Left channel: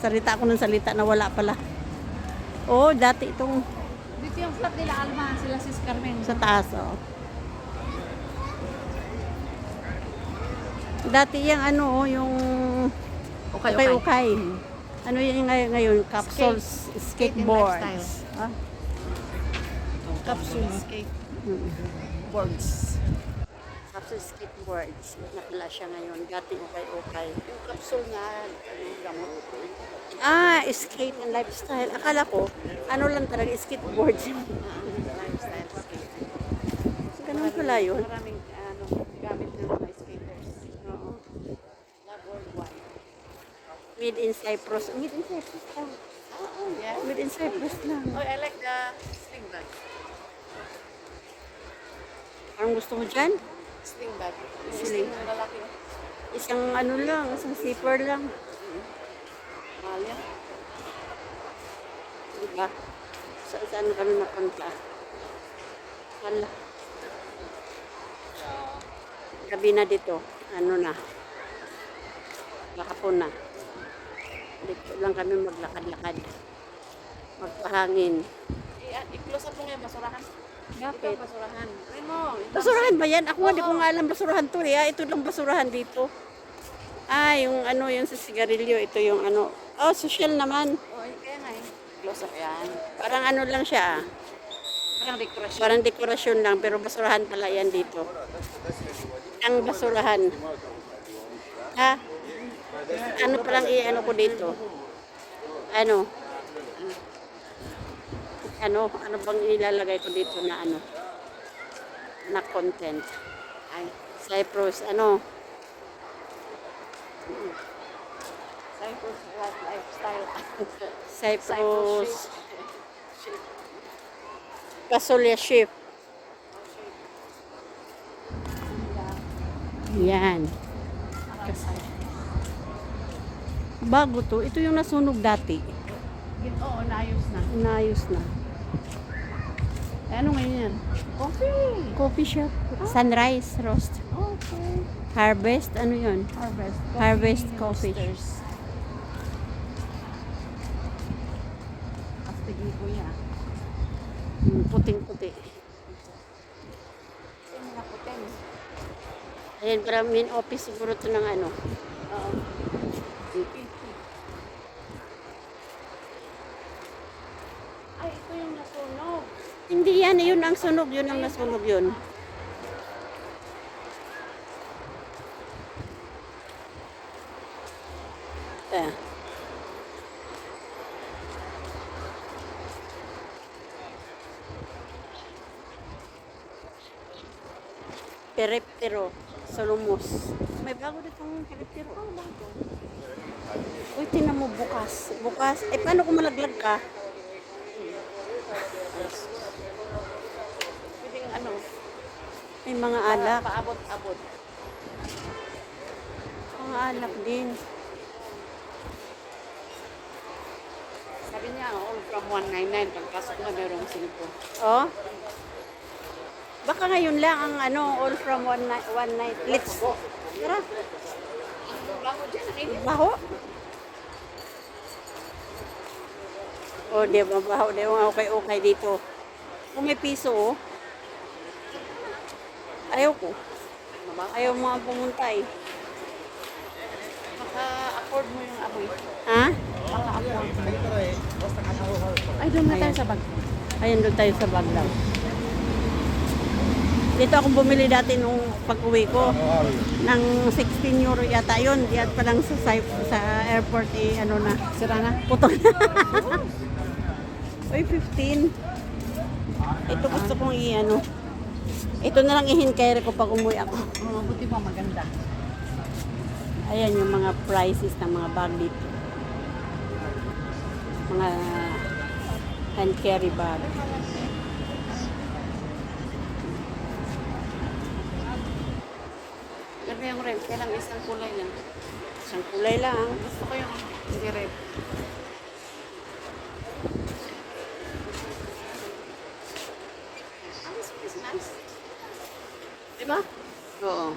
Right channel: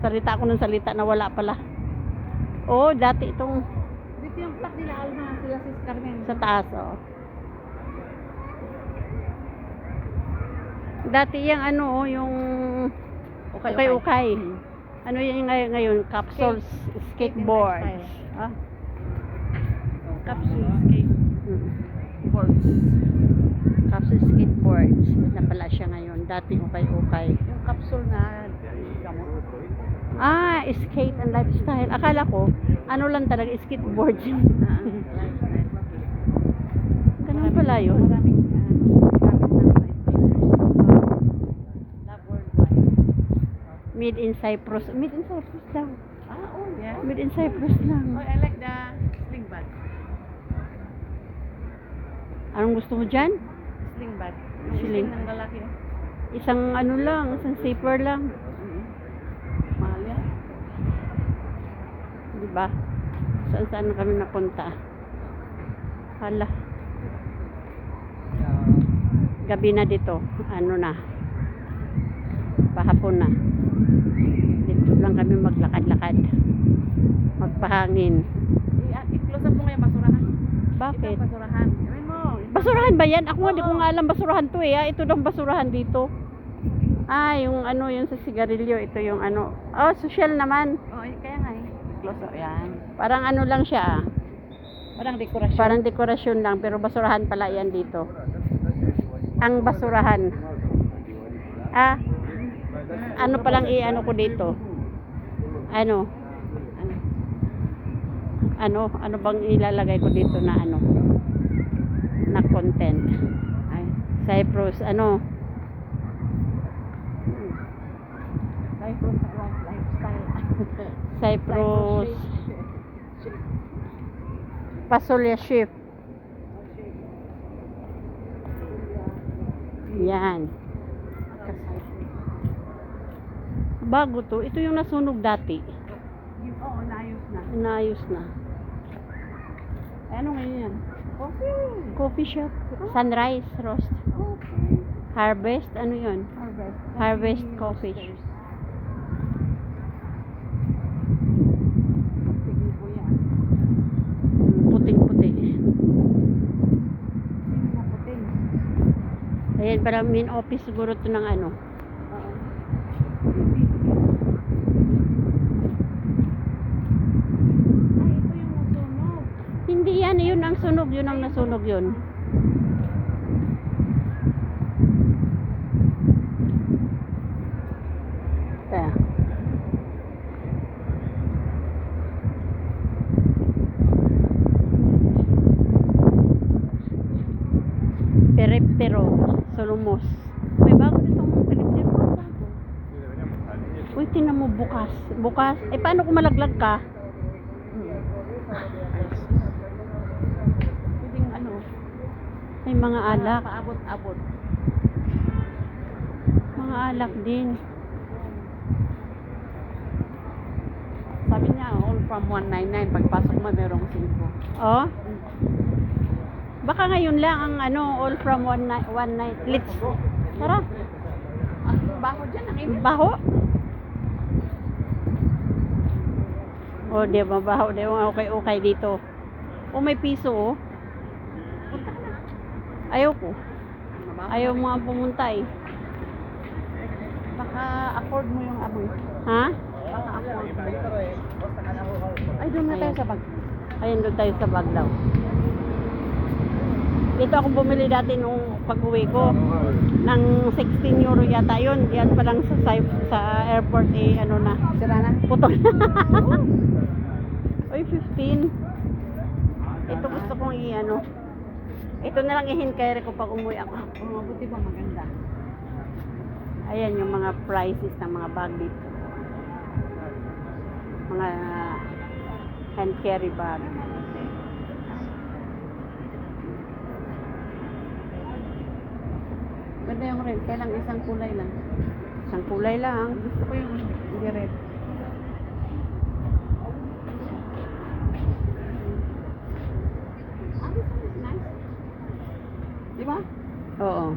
Salita ako ng salita na wala pala. Oh, dati itong Dito yung flat nila Alma, sila Sis Carmen. sa taas, oh. Dati yung ano, oh, yung ukay-ukay. Ano yung ngayon? Capsules, skateboards. Ah? Capsule skate Mm. boards. Capsule skateboards na pala siya ngayon. Dati ukay-ukay. Yung capsule na gamot. Ah, skate and lifestyle. Akala ko, ano lang talaga, skateboards. Lifestyle skate. Ganun pala yun. Maraming gamit ng mga skaters. Not worldwide. Made in Cyprus. Made in Cyprus lang. Oh yeah. Made in Cyprus lang. Oh, I like the sling bag. Anong gusto mo dyan? Sling bag. Sling. Sling ng lalaki. Isang ano lang, isang zipper lang. Mahal yan. Di ba? Saan kami napunta? Hala. Gabi na dito. Ano na? Pahapon na. Dito lang kami maglakad-lakad. Magpahangin. I-close up mo ngayon, basurahan. Bakit? Ito, basurahan. Rin mo. Basurahan ba yan? Ako nga di ko Oo. nga alam basurahan to eh. Ito lang basurahan dito. Ah, yung ano, yung sa sigarilyo. Ito yung ano. Oh, social naman. Oh, kaya nga eh. Close up yan. Parang ano lang siya ah. Parang dekorasyon. Parang dekorasyon lang, pero basurahan pala yan dito. Ang basurahan. Ah, ano palang i-ano ko dito? Ano? Ano bang ilalagay ko dito na ano? Na content. Ay. Cyprus, ano? Cyprus lifestyle. Cyprus. Pasolia ship. Yan. Bago to. Ito yung nasunog dati. Oo, naayos na. Inayos na. Eh, ano ngayon yan? Coffee. Coffee shop. Sunrise Roast. Okay. Harvest. Ano yun? Harvest. Harvest Coffee. Roasters. Pastigi po yan. Puting-puti. Naputin. Ayan, parang main office siguro to ng ano. Oo. Ay, ito yung nasunog. Hindi yan. Yun ang sunog. Yun ang nasunog yun. Eh. Periptero, Solomos. May bago ditong periptero. Bago. Uy, tinan mo bukas. Bukas. Eh, paano kung malaglag ka? Pwedeng ano, May mga alak. paabot-abot. Mga alak din. Sabi niya, all from 199. Pagpasok mo, merong 5. Oh. Baka ngayon lang ang ano, all from one night. Let's. Tara. Bago dyan, ang init. Baho. Oh, di ba baho? Di ba okay dito. Oh, may piso oh. Ayaw ko. Ayaw mo nga pumunta eh. Baka afford mo yung amoy. Ha? Baka afford mo. Ay, doon na tayo sa bag. Ayun, doon tayo sa Baglaw. Dito akong bumili dati nung pag-uwi ko. Ng 16 euro yata yun. Yan pa lang sa airport eh, ano na. Sira na. Putol. Uy, 15. Ito gusto kong i-ano. Ito na lang i-hinkere ko pag umuwi ako. Buti mo maganda. Ayan yung mga prices ng mga bag dito. Mga hand carry bag. Ganda yung red. Kailang isang kulay lang. Isang kulay lang. Gusto ko yung hindi red. This is nice. Di ba? Oo.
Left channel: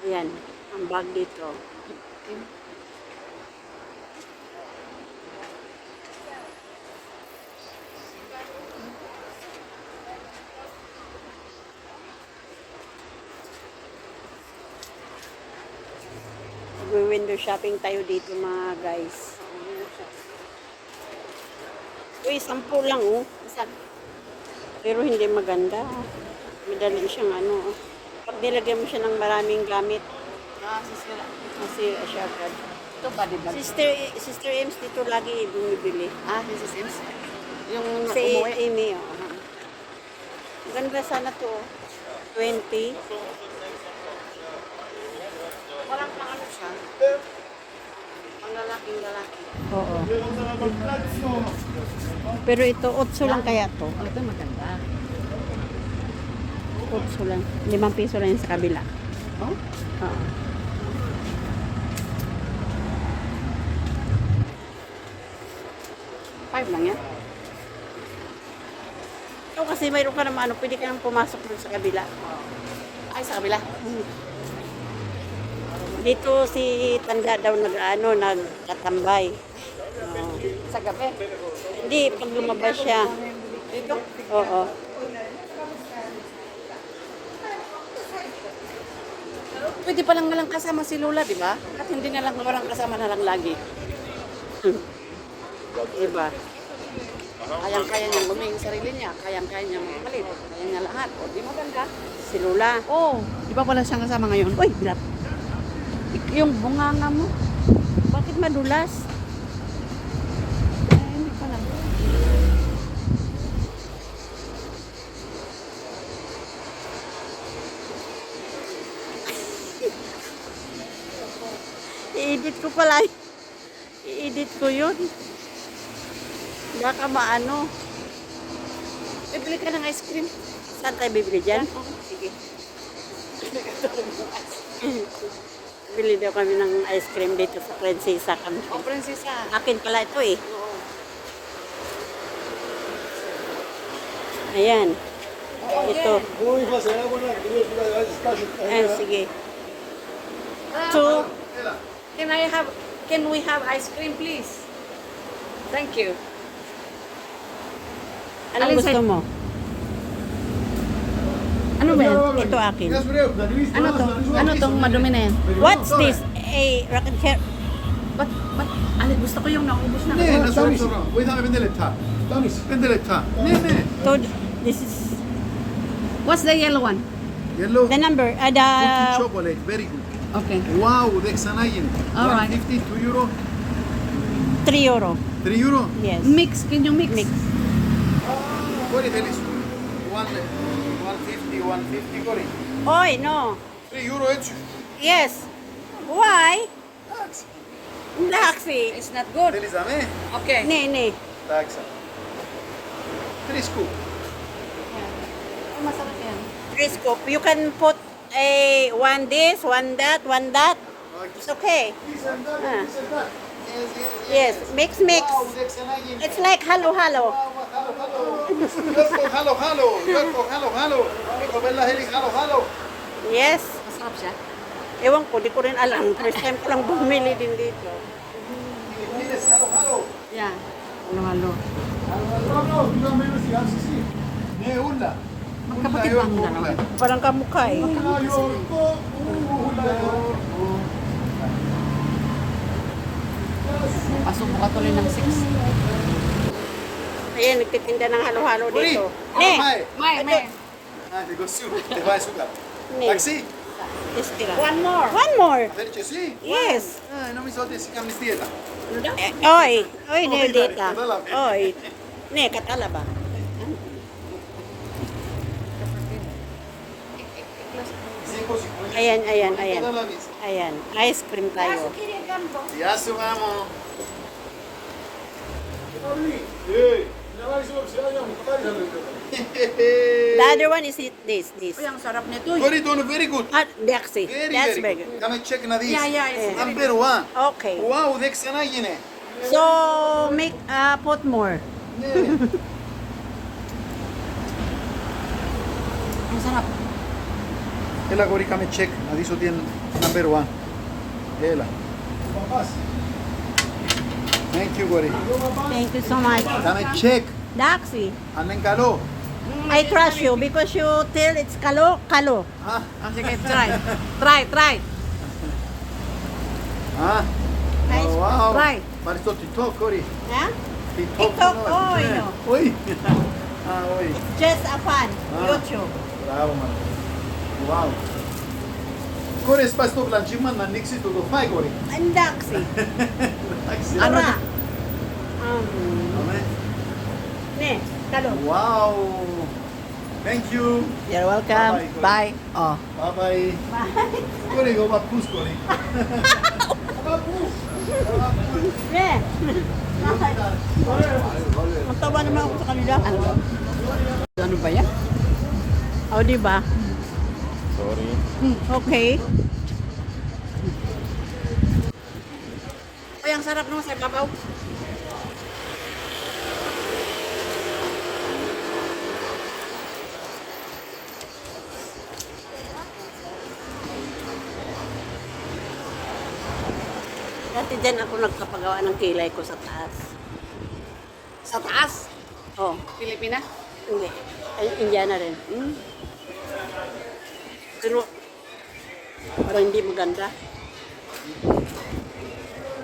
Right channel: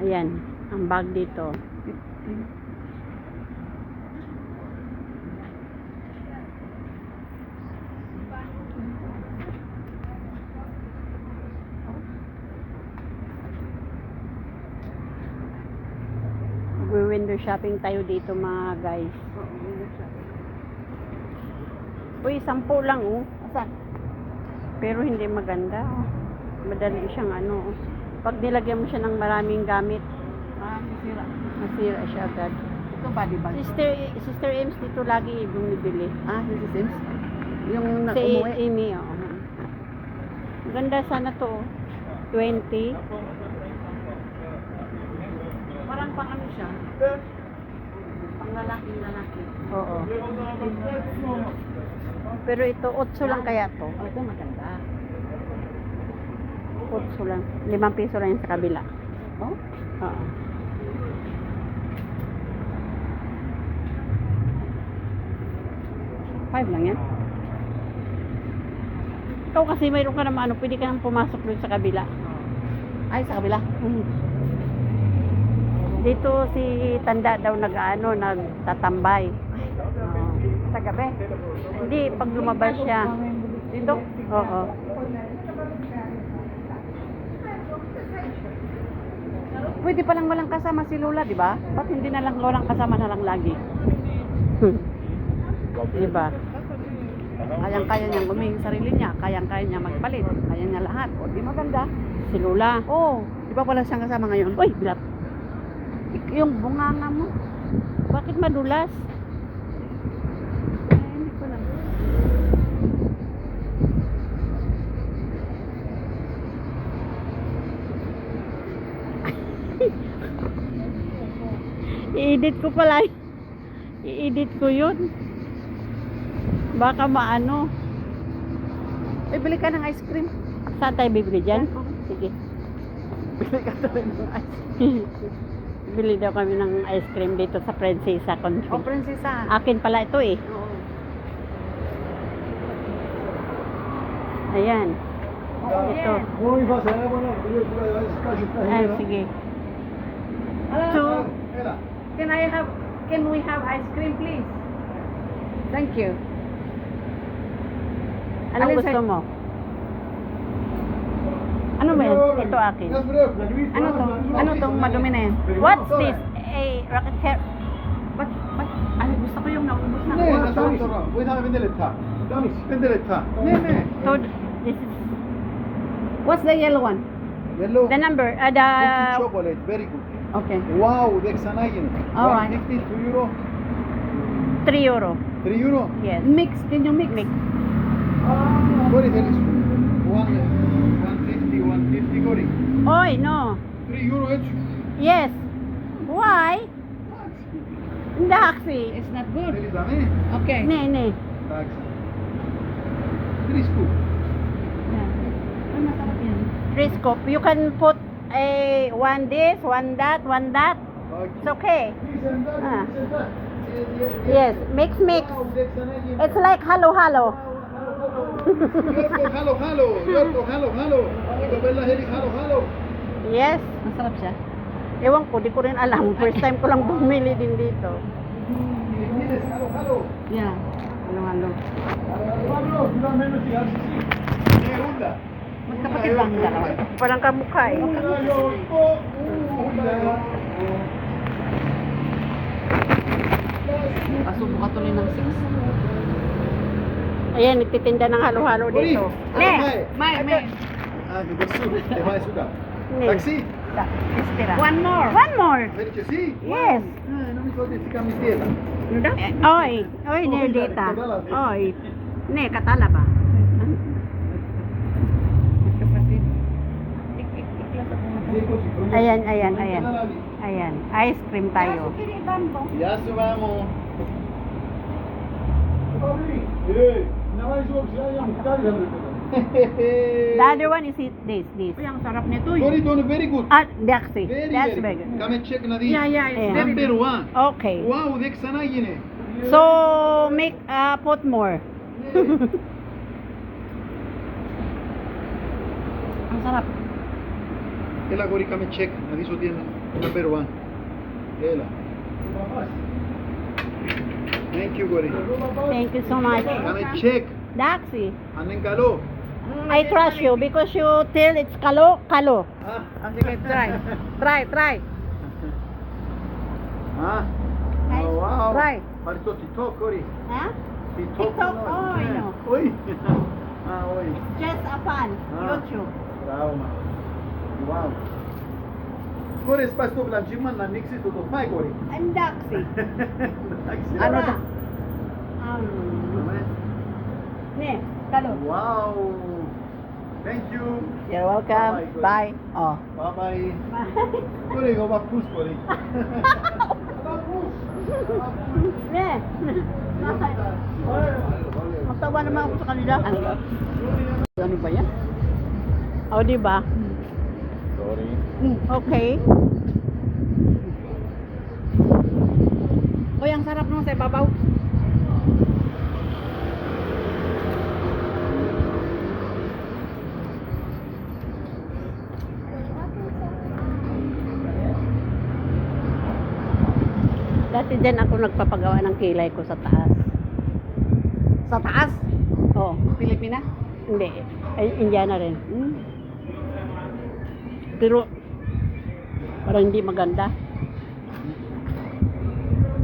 Ayan. Ang bag dito. mag-window shopping tayo dito mga guys. Uy, 10 lang oh. Asan? Pero hindi maganda. Madali siyang ano. Pag nilagyan mo siya ng maraming gamit, Sisira. masira siya agad. Ito ba, di ba? Sister Ems dito lagi bumibili. Si Sims? Yung Si umuwi? Amy, oh. Ganda sana to, oh. 20. Parang pang ano siya? Pang lalaki. Oo. Pero ito, 8 lang kaya to. Oh, ito maganda. 8 lang. 5 piso lang yung sa kabila. Oh? Oo. Five lang yan. Ikaw kasi mayroon ka naman ano, pwede ka nang pumasok dun sa kabila. Ay, sa kabila. Dito si Tanda daw nagtatambay. Sa gabi. Hindi, pag lumabas siya. Dito? Oo. Pwede palang walang kasama si Lola, di ba? Ba't hindi na lang walang kasama na lang lagi? Diba? Kayang-kaya niyang guming sarili niya. Kayang-kaya niya magpalit. Kaya niya lahat. O, di maganda. Si Lola. Oh, di ba wala siyang kasama ngayon? Uy, bilat. Yung bunganga mo. Bakit madulas? Hindi ko lang. I-edit ko pala. I-edit ko yun. Baka maano. Bili ka ng ice cream. Saan tayo bibili dyan? Oo. Sige. Bili ka tuloy ng ice cream. Bili daw kami ng ice cream dito sa Prinsesa. Oh, prinsesa. Akin pala ito eh. Oo. Ayan. Ito. Muy fácil, buena, Ay, sige. Two. Can we have ice cream, please? Thank you. Anong Alin gusto sa'yo? mo? Ano ba yan? Ito akin. Ano to? Ano tong madumi na yan? What's this? Rocket chair. Ba't? Ali, gusto ko yung naubos na. Ne, nasıl sonra? Bu tane bendeletta. Tamis, bendeletta. Ne? So, this is What's the yellow one? Yellow. the number. Cookie chocolate, very good. Okay. Wow, Dexanayin. All right. 150, 2 euro, 3 euro. 3 euro. Yes. Mix. Can you mix? Mix. Very feliz. 150, 150, Cory. Oy, no. 3 euro each. Yes. Why? Taxi. It's not good. Feliz a me. Okay. Ne. Taxa. 3 scoop. Ay, masarap yan. 3 scoop. You can put one this, one that, one that. It's okay. This and that, Ah. this and that. Yes. Mix. Wow, Dexanayin. It's like halo. Hello. Yorko, hello. Ikaw bella helik, hello. Yes. Masarap siya. Ewan ko, di ko rin alam. First time ko lang bumili din dito. Filipinas, hello. Yeah. Halo-halo. No, you don't mean to see, sí. Ne, hunda. Magkapatid lang nila kayo. Parang kamukha eh. Pasubo ka tuloy ng 6. Ayan, nagtitinda ng halo-halo dito. Ne! May. Ah, negócio, te vai sugar. Ne. Taxi? Istira. One more. One more. Felice, sí. Yes. Ay, no me hizo decir que mis dieta. Oy, ne dita. Oy. Ne, katala ba? Ayan. Ayan, ice cream tayo. Ya subamos. The other one is this. Uy, ang sarap nito. Very good, very good. Daxi. That's Very big. good. Come and check na this. Yeah, it's Yeah. Number one. Okay. Wow, Dexana yine. So, make put more. Ang sarap. Ela gori come and check. Na this one number one. Ela. Thank you, Gori. Thank you so much. Come and check. Daxi, Anen kalo. I trust you because you tell it's kalo. Ah, Sige, try. Try. Ah? Nice. Oh, wow. Try. Ma sto TikTok, Cori. Ha? TikTok. TikTok, no? oy, no. Oi. Ah, oi. Just a fan. Ah. YouTube. Bravo, mano. Wow. Cori, spai sto blanchiman na nixi to do fai, Cori. Andaksi. Ano Tara. to? Amen. Ne, talo. Wow. Thank you. You're welcome. Bye-bye. Bye. Oh. Bye-bye. Cori, go bapus, Cori. Bapus. Ne. Matawa naman ako sa kanila. Ano ba yan? O, di ba? Sorry. Okay. Uy, ang sarap naman sa ibabaw. Dati din ako nagpapagawa ng kilay ko sa taas. Sa taas? Oh, Pilipina? hindi. Ay, Indiana rin. Pero, parang hindi maganda.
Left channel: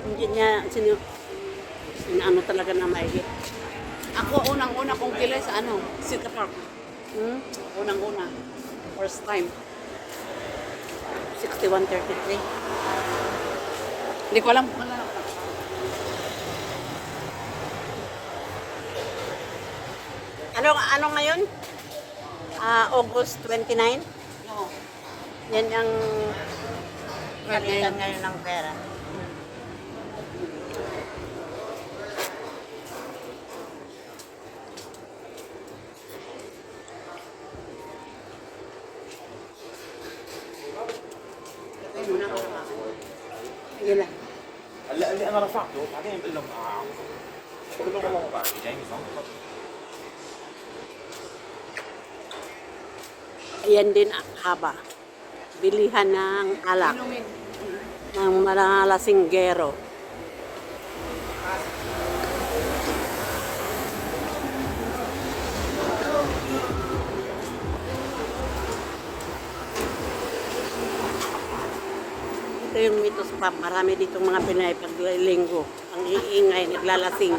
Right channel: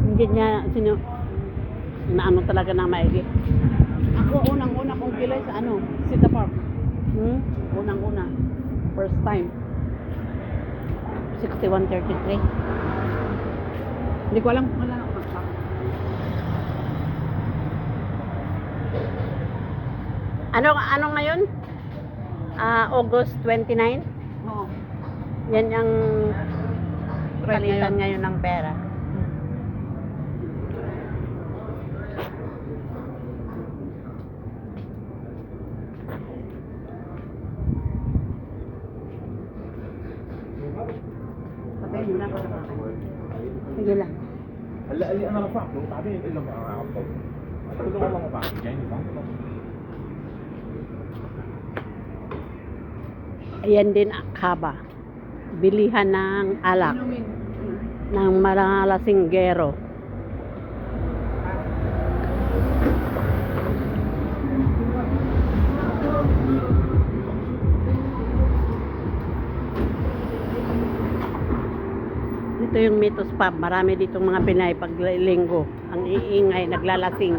Hindi niya, na ano talaga na maigi. Ako, unang-una kong kilay sa ano? Sita Park. Hmm? Unang-una. First time. 6133. Hindi ko alam. Wala. Ano ngayon? August 29? Oo. Yan ang Right palitan ngayon. ngayon ng pera. Patay muna ako na Sige lang. هلا اللي انا رفعته بعدين بقول لهم بقول لهم والله ما بعرف جايني صح؟ Ayan din haba. Bilihan ng alak Inumin. ng mga lasinggero. Ito yung Mitos Pub. Marami ditong mga Pinay pag linggo. Ang iingay, naglalasing.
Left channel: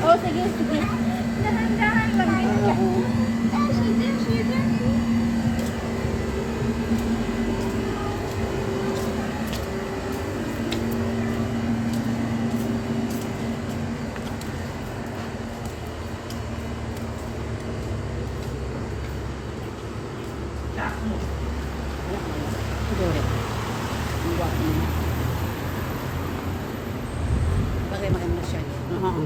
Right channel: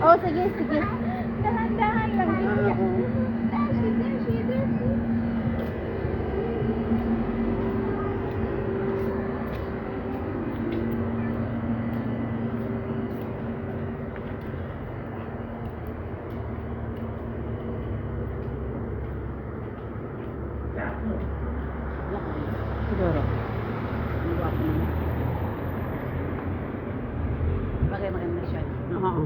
Oh, sige, sige. Dahan-dahan lang din. Oh, she's there. Siguro. Ang gwapo naman. Bagay maganda siya. Oo.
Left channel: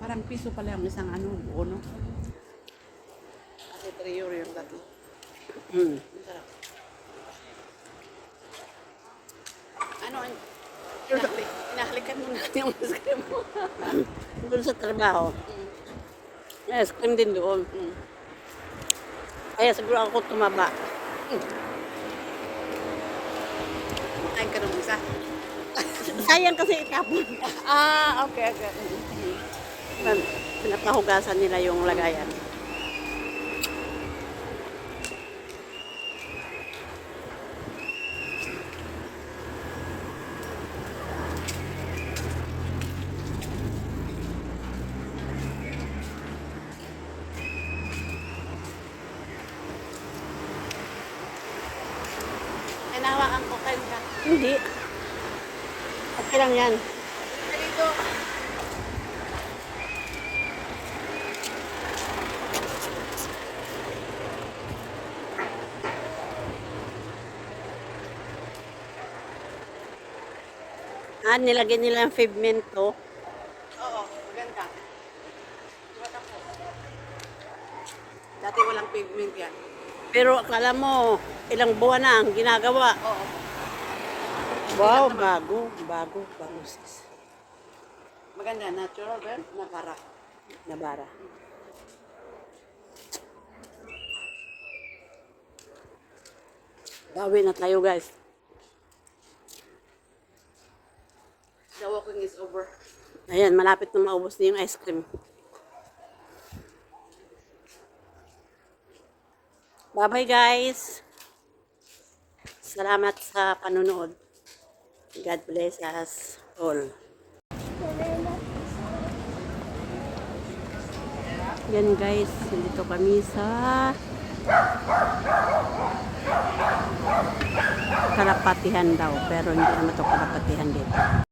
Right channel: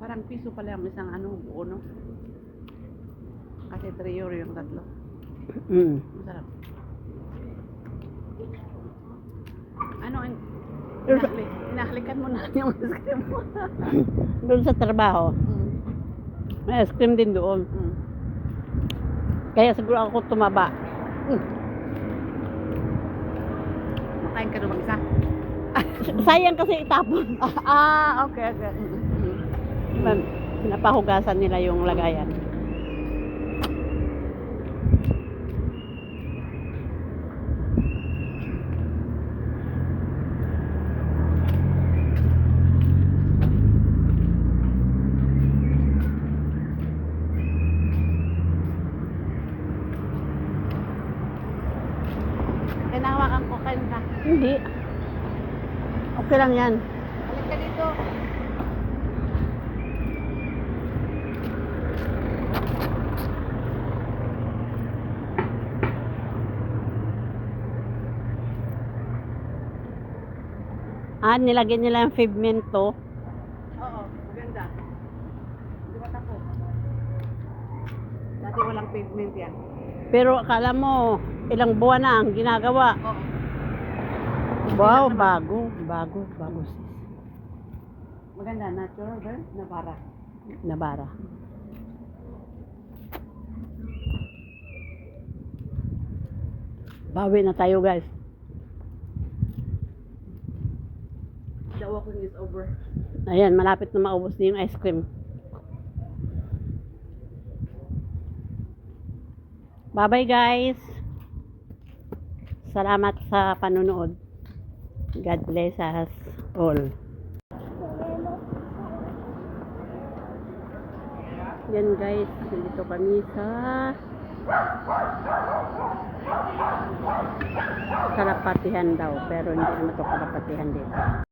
Parang piso pala yung isang ano, buo, no? Kasi 3 euro yung tatlo. Mm. Ang sarap. Ano, inahalikan mo na yung ice cream mo. Doon sa trabaho. May ice cream din doon. Mm. Kaya siguro ako tumaba. Makain ka naman isa. Sayang kasi itapon. Okay. Pinapahugasan nila yung lagayan. Hinahawakan ko kayo ka. Hindi. Okay lang yan. Nilagyan nila yung pavemento. Oo, maganda. Di ba tapos? Dati walang pavement yan. Pero akala mo, ilang buwan na ang ginagawa. Oo. Wow, bago. Bago sis. Maganda, natural ba? Nabara. Nabara. Bawi na tayo guys. The walking is over. Ayan, malapit na maubos na yung ice cream. Bye-bye guys. Salamat sa panonood. God bless us all. Yan guys, dito kami sa Kalapatihan daw, pero hindi naman ito Kalapatihan dito.